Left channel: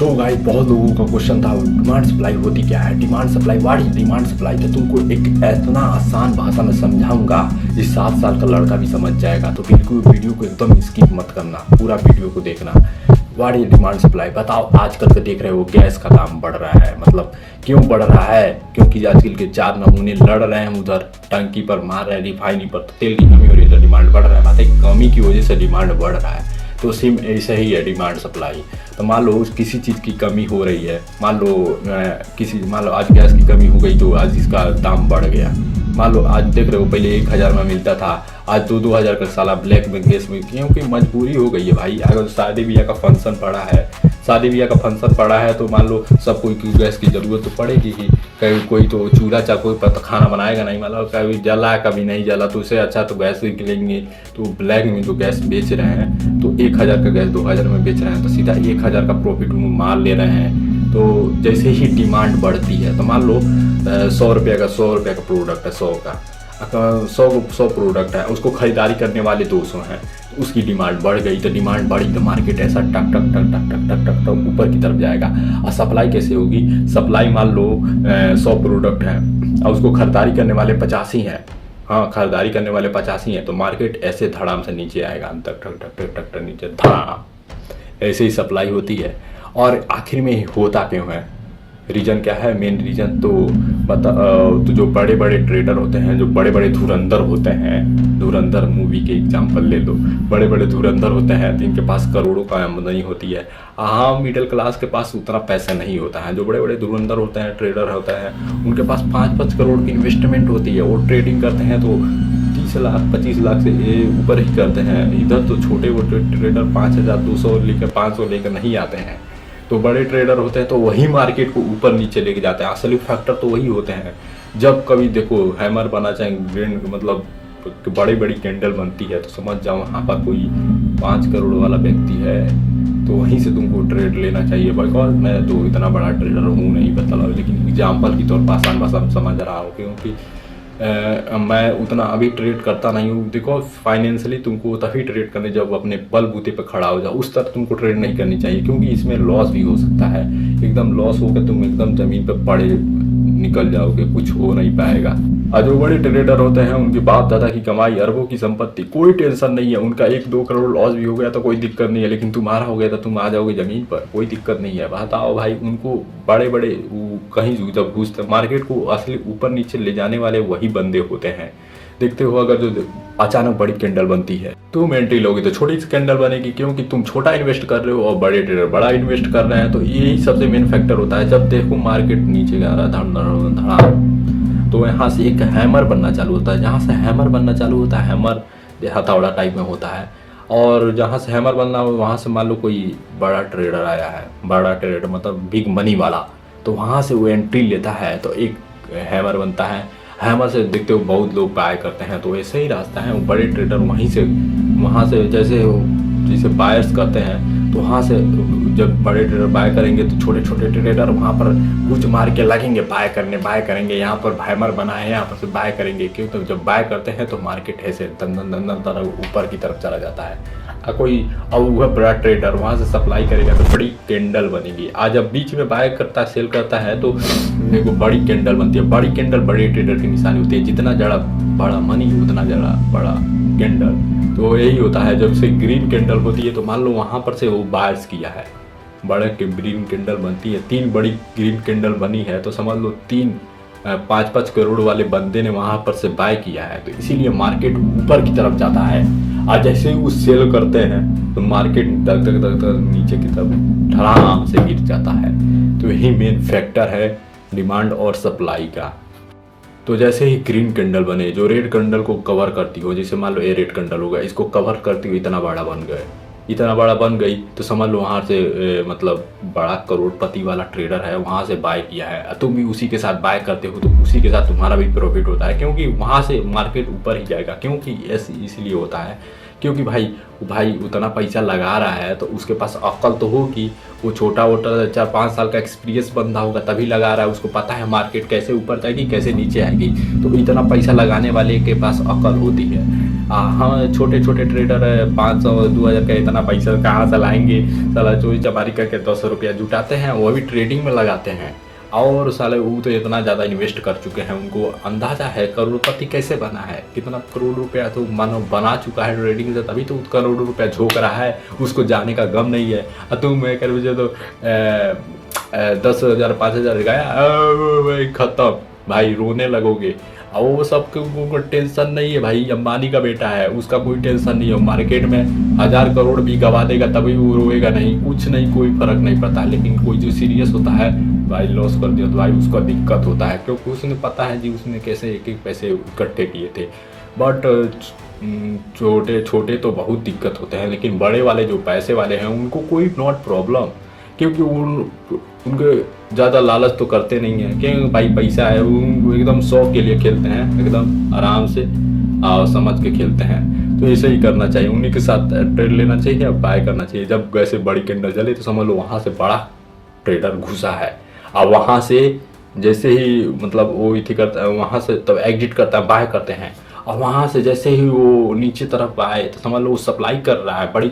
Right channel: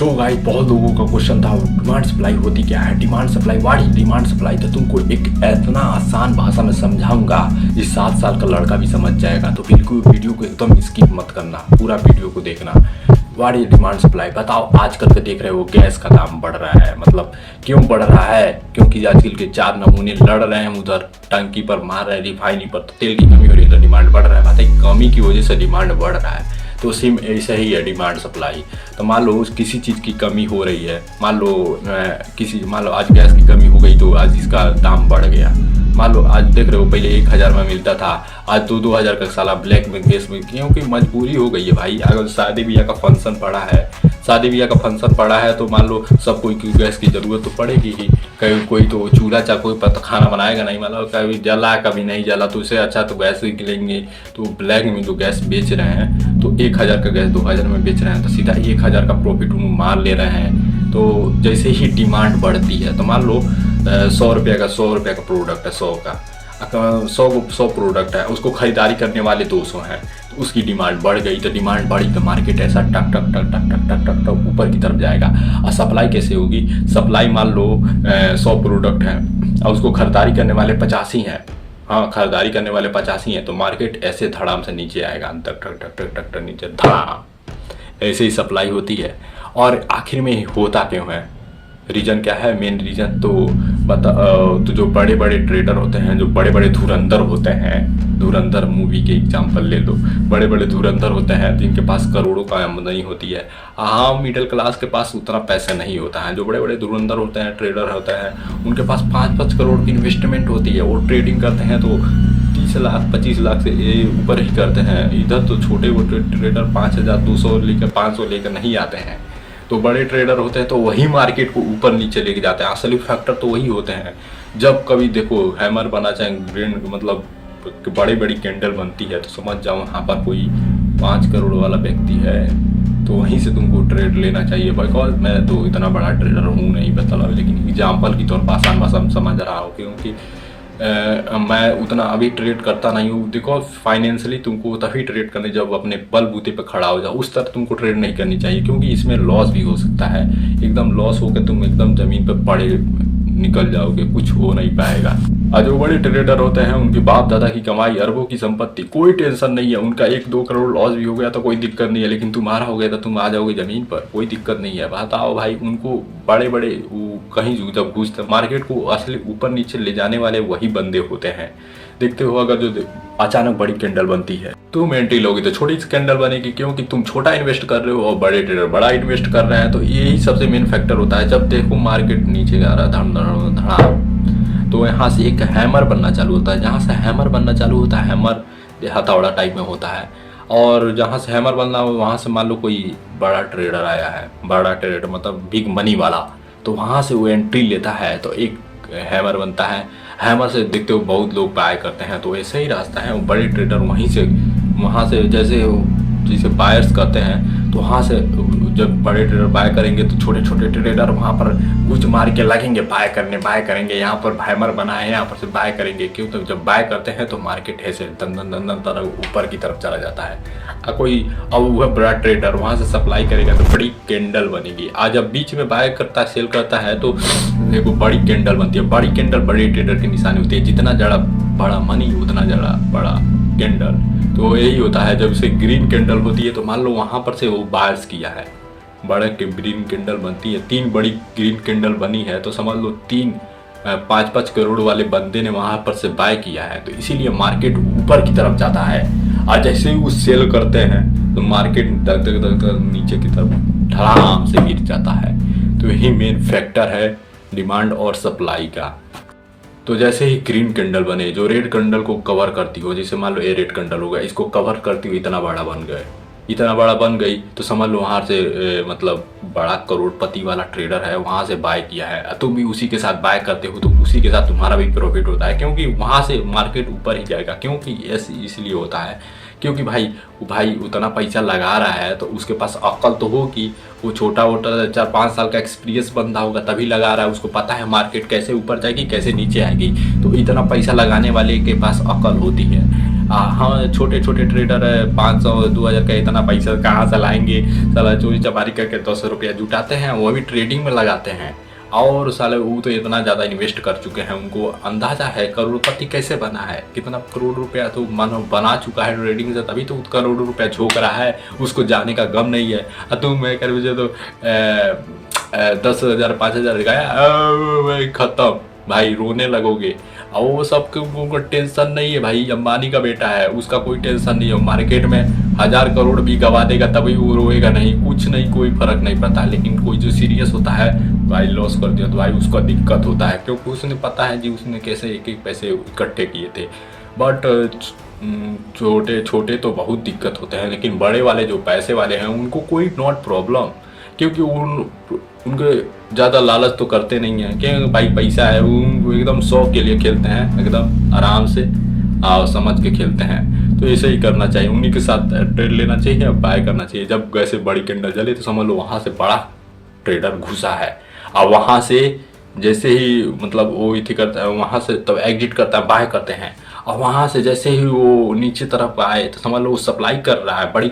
So guys, बहुत लोगों का क्वेश्चन था डिमांड सप्लाई होती क्या है, demand supply, what is demand supply. तो तुमको एक इतना आसान भाषा में समझाऊंगा इस 7 साल का लड़का भी समझ जाएगा। तो बिल्कुल वीडियो को एकदम स्किप मत करना, पूरा वीडियो को देखना। What is demand supply. बताओ, आजकल के देख रहे हो गैस का दाम बढ़ रहा है, मतलब क्यों बढ़ रहा है? क्योंकि आजकल के 4 नमूने लड़ रहे हैं, उधर टंकी पर मार रहे हैं, रिफाइनरी पर तो तेल की कमी हो रही है तो डिमांड बढ़ रहा है। बात है, कमी की वजह से डिमांड बढ़ रहा है। तो सेम ऐसा ही है डिमांड सप्लाई। तो मान लो किसी चीज़ की कमी हो रही है, मान लो आज गैस की कमी हो गई तो आज इसका दाम बढ़ गया। मान लो आज देख रहे हो पहले 1000 में मिलता था, आज 2-2000 का साला ब्लैक में गैस में, क्योंकि मजबूरी हो गई है भाई। अगर शादी ब्याह का फंक्शन पड़ा है, तो मान लो सब कोई की गैस की ज़रूरत तो पड़ेगी ही। कभी कोई तो चूल्हा कोई पता खाना बनाएगा नहीं, मतलब कभी जला कभी नहीं जला, तो उससे अच्छा तो गैस लेंगे। तो ब्लैक में जो गैस बेच रहे हैं तो 1000 का गैस 2000 में बेच रहे हैं, तो सीधा 1000 का प्रॉफिट उन्होंने मार ले रहे हैं। तो जैसे ही डिमांड बढ़ती है तो मान लो 100 रुपये का प्रोडक्ट है, 100 प्रोडक्ट है, उसको खरीदारी करने वाले 200 हैं, तो उसकी डिमांड बढ़ गई। तो डिमांड बढ़ी तो मार्केट ऐसा टक टक टक टक टक टक टक टक ऊपर की तरफ जाएगा। और सप्लाई कैसे होगी? सप्लाई मान लो 100 प्रोडक्ट है और उसको खरीदारी करने वाले 85 हैं, खरीदारी करने वाले 85 हैं, तो मार्केट ऐसे धड़ाम से नीचे आएगा, टक टक टक टक टक टक नीचे धड़ाम। ऐसे ही सप्लाई होती है। और आखिर में होता क्यों है? रीज़न क्या है? मेन रीज़न तो जो बड़े बड़े ट्रेडर होते हैं, जो बड़े बड़े धुरंधर होते हैं, धुरंधर मूवी के एग्जांपल ले लो, बड़े बड़े धुरंधर होते हैं जिनके पास करोड़ों का आमदनी होती है। मिडिल क्लास के पास उतना पैसा नहीं होता है। जो बड़े बड़े धुरंधर होते हैं, ट्रेडर होते हैं, उनके पास 5-5 करोड़ की इन्वेस्टमेंट होती है। वो ट्रेडिंग करते हैं तो 30 लाख 25 लाख से ऊपर ही करते हैं। इधर तो छोटे मोटे ट्रेडर 5200 लेकर 500 लेकर नहीं आते हैं। तो बड़े ट्रेडर होते हैं तो वही मार्केट को ऊपर नीचे लेके जाते हैं। असली फैक्टर तो वही होते हैं। जब कभी देखो हैमर बना, चाहे ग्रेन, मतलब बड़ी बड़ी कैंडल बनती है, तो समझ जाओ वहाँ पर कोई 5 करोड़ वाला व्यक्ति है, तो वहीं से तुमको ट्रेड लेना चाहिए। बिकॉज मैं तो इतना बड़ा ट्रेडर हूँ नहीं, बता, लेकिन एग्जाम्पल की तौर पर आसान भाषा में समझ रहा हूँ, क्योंकि मैं उतना अभी ट्रेड करता नहीं हूँ। देखो, फाइनेंशियली तुमको तभी ट्रेड करने जब अपने बलबूते पे खड़ा हो जाओ, उस तरह तुमको ट्रेड नहीं करनी चाहिए, क्योंकि इसमें लॉस भी हो सकता है। एकदम लॉस होकर तुम एकदम ज़मीन पे पड़े निकल जाओगे, कुछ हो नहीं पाएगा। और जो बड़े ट्रेडर होते हैं उनके बाप दादा की कमाई, अरबों की संपत्ति, कोई टेंशन नहीं है। उनका 1-2 करोड़ लॉस भी हो गया तो कोई दिक्कत नहीं है, लेकिन तुम्हारा हो गया तो तुम आ जाओगे ज़मीन पर, कोई दिक्कत नहीं है। बताओ भाई, उनको बड़े बड़े कहीं जब घुसते मार्केट को असली ऊपर नीचे ले जाने वाले वही बंदे होते हैं। देखते हो, अगर जो अचानक बड़ी कैंडल बनती है तुम एंट्री लोगे तो छोटी सी कैंडल बनेगी, क्योंकि तुम छोटा इन्वेस्ट कर रहे हो और बड़े ट्रेडर बड़ा इन्वेस्ट कर रहे हैं। तो यही सबसे मेन फैक्टर होता है। जब देखो मार्केट नीचे जा रहा है धड़ाम, तो यहाँ से एक हैमर बनना चालू होता है। जहाँ से हैमर बनना चालू होता है, हैमर हथौड़ा टाइप में होता है, और जहाँ से हैमर बनना हो वहाँ से मान लो कोई बड़ा ट्रेडर आया है, बड़ा ट्रेडर मतलब बिग मनी वाला, तो वहाँ से वो एंट्री लेता है तो एक हैमर बनता है। हैमर से देखते हो बहुत लोग बाय करते हैं, तो ऐसे ही रास्ता है। वो बड़े ट्रेडर वहाँ से जैसे बायर्स करते हैं, तो वहाँ से जब बड़े ट्रेडर बाय करेंगे तो छोटे छोटे ट्रेडर वहाँ पर कुछ मार के लगेंगे, बाय करेंगे। यहाँ पर हैमर बना है, यहाँ पर से बाय करेंगे। क्यों? तो जब बाय करते हैं तो मार्केट ऐसे दन तरह ऊपर की तरफ चला जाता है। अब वह बड़ा ट्रेडर वहाँ से सप्लाई करेगा तो बड़ी कैंडल बनेगी। आज जब बीच में बाय करता है, सेल करता है, तो देखो बड़ी कैंडल बनती है। बड़ी कैंडल बड़े ट्रेडर की निशानी होती है। जितना ज़्यादा बड़ा मनी उतना ज़्यादा बड़ा कैंडल। तो यही होता है। जब से ग्रीन कैंडल होती है तो मान लो वहाँ पर से वो बायर्स किया है, बड़ा के ग्रीन कैंडल बनती है। 3 बड़ी ग्रीन कैंडल बनी है, तो समझ लो 5-5 करोड़ वाले बंदे ने वहाँ पर से बाय किया है। तो इसीलिए मार्केट ऊपर की तरफ जाता है। और जैसे ही वो सेल करते हैं तो मार्केट तक नीचे की तरफ धड़ाम से गिर जाता है। तो यही मेन फैक्टर है डिमांड और सप्लाई का। तो जैसे ही ग्रीन कैंडल बने, जो रेड कैंडल को कवर करती हो, जैसे मान लो ये रेड कैंडल होगा, इसको कवर करती हुई इतना बड़ा बन गई, तो समझ लो वहाँ से मतलब बड़ा करोड़पति वाला ट्रेडर है, वहाँ से बाय किया है। तुम भी उसी के साथ बाय करते हो, तो उसी के साथ तुम्हारा भी प्रॉफिट होता है, क्योंकि वहाँ से मार्केट ऊपर ही जाएगा। क्योंकि इसलिए होता है क्योंकि भाई उतना पैसा लगा रहा है, तो उसके पास अक्ल तो होगी। वो छोटा वोटा 4-5 साल का एक्सपीरियंस बंदा होगा तभी लगा रहा है। उसको पता है मार्केट कैसे ऊपर जाएगी, कैसे नीचे आएगी। तो इतना पैसा लगाने वाले के पास अक्ल होती है। हाँ छोटे छोटे ट्रेडर है 500-2000 का इतना पैसा कहाँ से लाएंगे, साला चोरी चपारी करके 10 रुपया जुटाते हैं, वो भी ट्रेडिंग में लगाते हैं। और साले वो तो इतना ज़्यादा इन्वेस्ट कर चुके हैं, उनको अंदाज़ा है करोड़पति कैसे बना है, कितना करोड़ रुपया तो मानो बना चुका है ट्रेडिंग से, तभी तो करोड़ रुपया झोंक रहा है, उसको जाने का गम नहीं है। तुम मैं कर मुझे तो 10,000 5,000 गया ख़त्म भाई, रोने लगोगे। और वो सब को टेंशन नहीं है भाई, अंबानी का बेटा है, उसका कोई टेंशन नहीं है। मार्केट में 1000 करोड़ भी गवा देगा तभी वो रोएगा नहीं, कुछ नहीं, कोई फर्क नहीं पड़ता। लेकिन कोई जो सीरियस होता है भाई, लॉस कर दिया तो भाई उसका दिक्कत होता है, क्योंकि उसने पता है जी उसने कैसे एक एक पैसे इकट्ठे किए थे। बट छोटे छोटे तो बहुत दिक्कत होते हैं, लेकिन बड़े वाले जो पैसे वाले हैं उनको कोई नॉट प्रॉब्लम, क्योंकि उनके ज़्यादा लालच तो करते नहीं हैं, क्योंकि भाई पैसा है, वो एकदम शौक के लिए खेलते हैं, एकदम आराम से और समझ के खेलते हैं। तो ऐसे ही करना चाहिए, उन्हीं के साथ ट्रेड लेना चाहिए, बाय करना चाहिए। जब वैसे बड़ी कैंडल चले तो समझ लो वहाँ से बड़ा ट्रेडर घुसा है, और वहाँ से जैसे ही मतलब वो इति करता है, वहाँ से तब एग्जिट करता है, बाय करते हैं। और वहाँ से जैसे ही वो नीचे तरफ आए तो समझ लो वो सप्लाई कर रहा है, बड़ी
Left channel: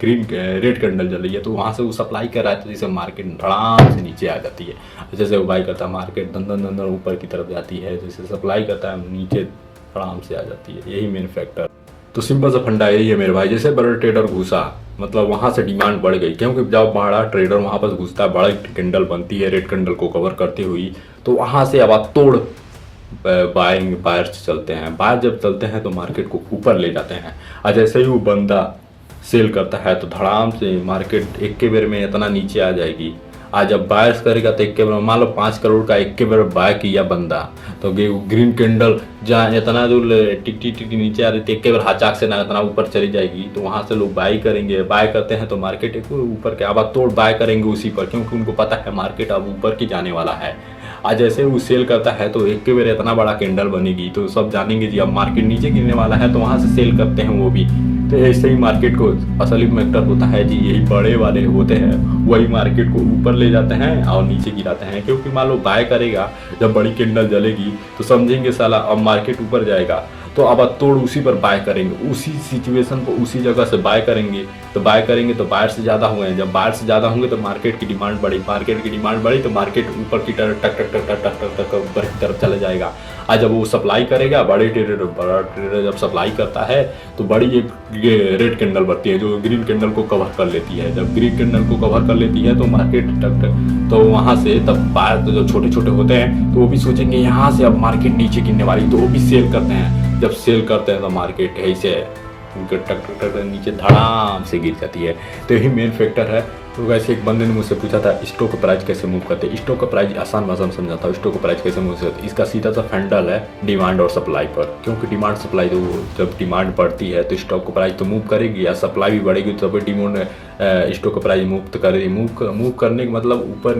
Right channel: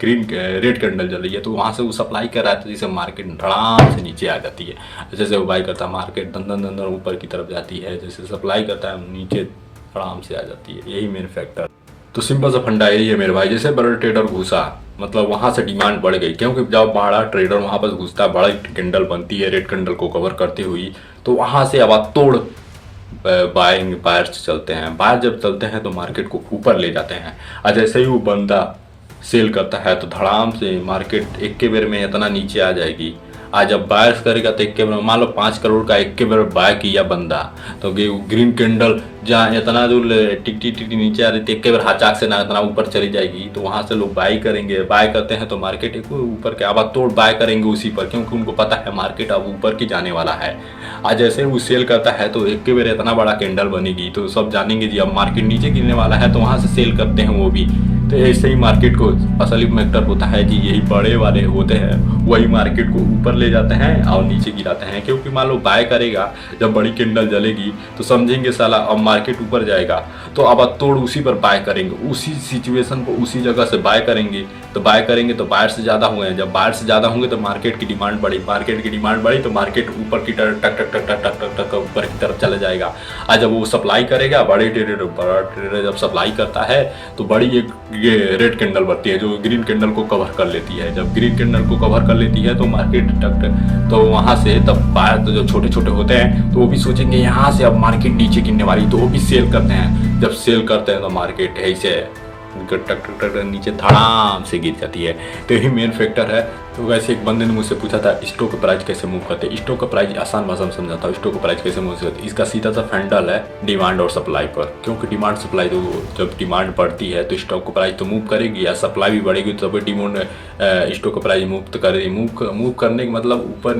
ग्रीन रेड कैंडल चल रही है, तो वहाँ से वो सप्लाई कर रहा है, तो जैसे मार्केट धड़ाम से नीचे आ जाती है। जैसे वो बाई करता है मार्केट दंदन दंदन ऊपर की तरफ जाती है, जैसे सप्लाई करता है नीचे धड़ाम से आ जाती है, यही मेन फैक्टर। तो सिंपल सा फंडा यही है मेरे भाई, जैसे बड़ा ट्रेडर घुसा मतलब वहाँ से डिमांड बढ़ गई, क्योंकि जब बड़ा ट्रेडर वहाँ पर घुसता है, बड़ी कैंडल बनती है रेड कैंडल को कवर करते हुई, तो वहाँ से अब तोड़ बायर्स चलते हैं। बायर जब चलते हैं तो मार्केट को ऊपर ले जाते हैं, और जैसे ही वो बंदा सेल करता है तो धड़ाम से मार्केट एक के बेर में इतना नीचे आ जाएगी। आज जब बायर्स करेगा तो एक के बेर मान लो 5 करोड़ का एक के बेर बाय किया बंदा, तो ग्रीन कैंडल जहाँ इतना जो टिक नीचे आ रही थी, एक के बेर हाचाक से ना इतना ऊपर चली जाएगी, तो वहाँ से लोग बाय करेंगे। बाय करते हैं तो मार्केट एक ऊपर के अब तोड़ बाय करेंगे उसी पर, क्योंकि उनको पता है मार्केट अब ऊपर की जाने वाला है। आज जैसे वो सेल करता है तो एक के बेर इतना बड़ा कैंडल बनेगी, तो सब जानेंगे जी अब मार्केट नीचे गिरने वाला है, तो वहाँ से सेल करते हैं वो भी। तो ऐसे ही मार्केट को असली फैक्टर होता है जी, यही बड़े वाले होते हैं, वही मार्केट को ऊपर ले जाते हैं और नीचे गिराते हैं। क्योंकि मान लो बाय करेगा, जब बड़ी कैंडल जलेगी तो समझेंगे साला अब मार्केट ऊपर जाएगा, तो अब तोड़ उसी पर बाय करेंगे, उसी सिचुएशन पर उसी जगह से बाय करेंगे। तो बाय करेंगे तो बायर से ज़्यादा हुए हैं, जब बायर से ज़्यादा होंगे तो मार्केट की डिमांड बढ़ी, मार्केट की डिमांड बढ़ी तो मार्केट ऊपर की तरफ टक टक टक टक टक टक टक ऊपर की तरफ चला जाएगा। आज जब वो सप्लाई करेगा, बड़ा ट्रेडर जब सप्लाई करता है तो बड़ी एक रेड कैंडल बनती है जो ग्रीन कैंडल को कवर कर लेती है। जब ग्रीन कैंडल को कवर कर लेती है तो मार्केट टक टक, तो वहाँ से तब बायर तो जो छोटे छोटे होते हैं तो वो भी सोचेंगे यहाँ से अब मार्केट नीचे गिरने वाली, तो वो भी सेल करते हैं। जब सेल करते हैं तो मार्केट ऐसे टक टक टक नीचे धड़ाम से गिर जाती है। तो यही मेन फैक्टर है। तो वैसे एक बंदे ने मुझसे पूछा था स्टॉक का प्राइस कैसे मूव करते हैं। स्टॉक का प्राइस आसान भाषा में समझाता हूँ, स्टॉक का प्राइस कैसे मूव करते हैं। इसका सीधा सा फंडल है डिमांड और सप्लाई पर, क्योंकि डिमांड सप्लाई तो जब डिमांड बढ़ती है तो स्टॉक का प्राइस तो मूव करेगी, या सप्लाई भी बढ़ेगी तो तभी डिमांड स्टॉक का प्राइस मूव तो करेगी। मूव करने का मतलब ऊपर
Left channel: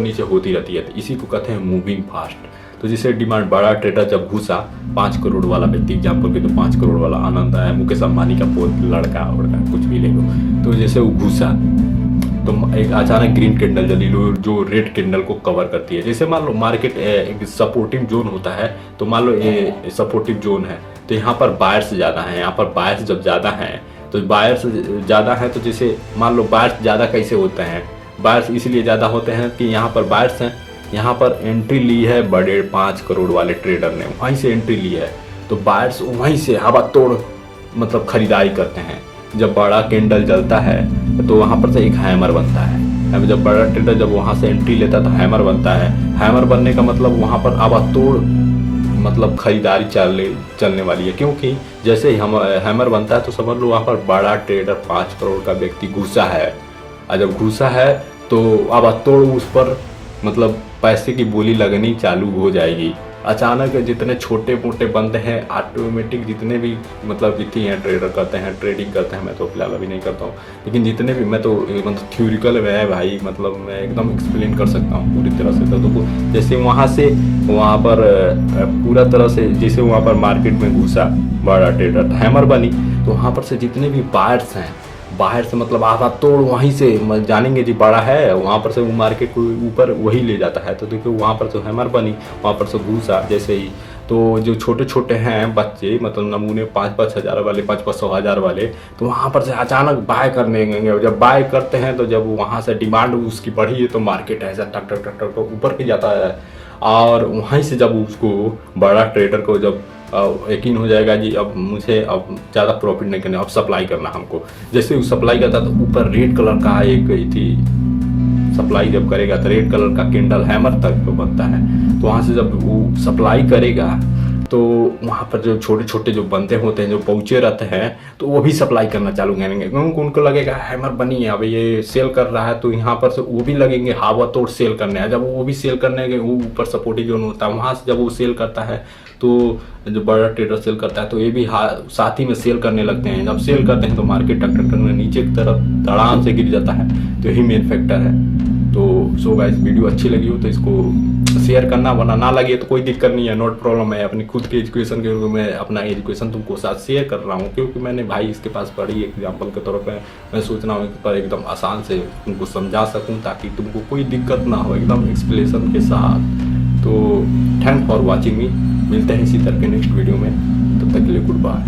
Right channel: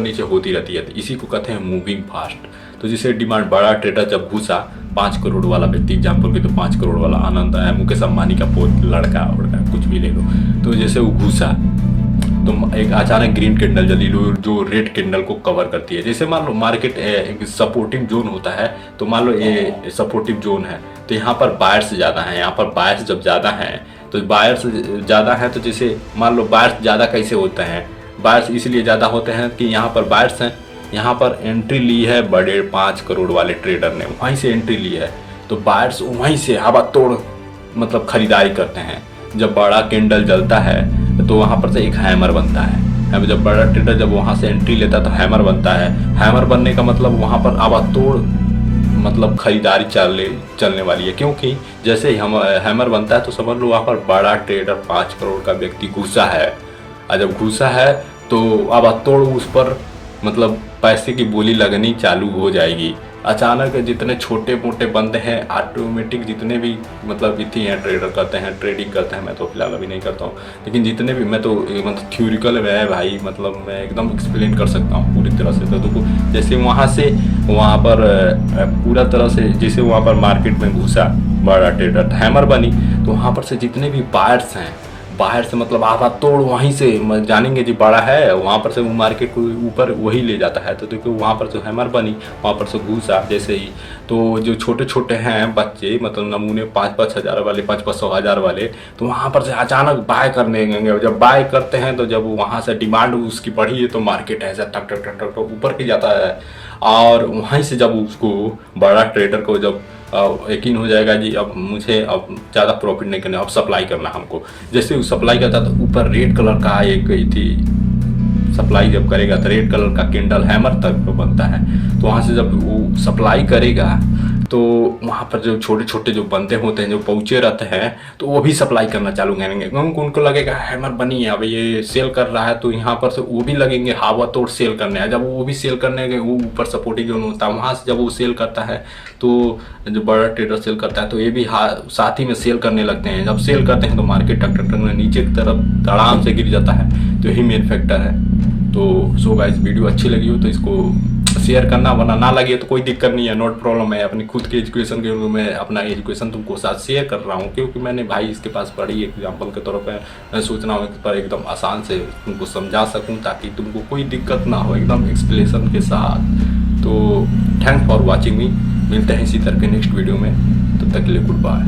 नीचे होती रहती है, तो इसी को कहते हैं मूविंग फास्ट। तो जिसे डिमांड बड़ा ट्रेडर जब घुसा 5 करोड़ वाला व्यक्ति एग्जाम्पल के, तो 5 करोड़ वाला आनंद है, मुकेश अंबानी का पोत लड़का उड़का कुछ भी ले लो, तो जैसे वो घुसा तो एक अचानक ग्रीन कैंडल जली जो रेड कैंडल को कवर करती है। जैसे मान लो मार्केट एक सपोर्टिव जोन होता है, तो मान लो ये सपोर्टिव जोन है, तो यहाँ पर बायर्स ज़्यादा हैं, यहाँ पर बायर्स जब ज़्यादा हैं तो बायर्स ज़्यादा हैं, तो जैसे मान लो बायर्स ज़्यादा कैसे होते हैं, बायर्स इसलिए ज़्यादा होते हैं कि यहाँ पर बायर्स हैं, यहाँ पर एंट्री ली है बड़े 5 करोड़ वाले ट्रेडर ने, वहीं से एंट्री ली है, तो बायर्स वहीं से हवा तोड़ मतलब खरीदारी करते हैं। जब बड़ा कैंडल जलता है तो वहाँ पर से एक हैमर बनता है, जब बड़ा ट्रेडर जब वहाँ से एंट्री लेता है तो हैमर बनता है। हैमर बनने का मतलब वहाँ पर आवाज तोड़ मतलब खरीदारी चलने वाली है, क्योंकि जैसे ही हम हैमर बनता है तो समझ लो वहाँ पर बड़ा ट्रेडर 5 करोड़ का व्यक्ति घुसा है, और जब घुसा है तो आवाज तोड़ उस पर मतलब पैसे की बोली लगनी चालू हो जाएगी। अचानक जितने छोटे मोटे बंदे हैं ऑटोमेटिक, जितने भी मतलब जितनी हैं ट्रेडर करते हैं ट्रेडिंग करते हैं, मैं तो फिलहाल अभी नहीं करता हूँ, लेकिन जितने भी मैं तो मतलब थ्योरिकल में है भाई, मतलब मैं एकदम एक्सप्लेन कर सकता हूँ पूरी तरह से। तो जैसे वहाँ से वहाँ पर पूरा तरह से जैसे वहाँ पर मार्केट में घुसा बड़ा ट्रेडर हैमर बनी, तो वहाँ पर से जितने भी बायर्स हैं बाहर से मतलब आधा तोड़ वहीं से जानेंगे जी बड़ा है, वहाँ पर से वो मार्केट को ऊपर वही ले जाता है। तो देखो वहाँ पर जो हैमर बनी, वहाँ पर से घुसा जैसे ही, तो जो छोटे छोटे हैं बच्चे मतलब नमूने 5-5 हज़ार वाले, 5-5 हज़ार वाले, तो वहाँ पर से अचानक बाय करने गएंगे। जब बाय करते हैं तो जब वहाँ से डिमांड उसकी बढ़ी है तो मार्केट ऐसा टक टक टक टक ऊपर की जाता है। और वहीं से जब उसको बड़ा ट्रेडर को जब यकीन हो जाएगा जी अब मुझे अब ज़्यादा प्रॉफिट नहीं करना, अब सप्लाई करना हमको, जैसे वो सप्लाई करता तो ऊपर रेड कलर का एक थी सप्लाई जब करेगा तो रेड कलर का कैंडल हैमर तक बनता है। तो वहाँ से जब वो सप्लाई करेगा तो वहाँ पर जो छोटे छोटे जो बंदे होते हैं जो पहुँचे रहते हैं तो वो भी सप्लाई करना चालू करेंगे, क्योंकि उनको लगेगा हैमर बनी है अब ये सेल कर रहा है, तो यहाँ पर से वो भी लगेंगे हवा तोड़ सेल करने। जब वो भी सेल करने के वो ऊपर सपोर्टिंग जोन होता है, वहाँ से जब वो सेल करता है तो जो बड़ा ट्रेडर सेल करता है तो ये भी साथ ही में सेल करने लगते हैं। जब सेल करते हैं तो मार्केट टक टक टक नीचे की तरफ धड़ाम से गिर जाता है, तो यही मेन फैक्टर है। तो सो गाइस वीडियो अच्छी लगी हो तो इसको शेयर करना, वरना ना लगे तो कोई दिक्कत नहीं है, नॉट प्रॉब्लम है। अपनी खुद के एजुकेशन के मैं अपना एजुकेशन तुमको साथ शेयर कर रहा हूँ, क्योंकि मैंने भाई इसके पास पढ़ी एग्जाम्पल के तौर पर मैं सोच रहा हूँ पर एकदम आसान से तुमको समझा सकूँ ताकि तुमको कोई दिक्कत ना हो एकदम एक्सप्लेनेशन के साथ। तो थैंक्स फॉर वॉचिंग मी, मिलते हैं इसी तरह के नेक्स्ट वीडियो में, तब तक के लिए गुड बाय।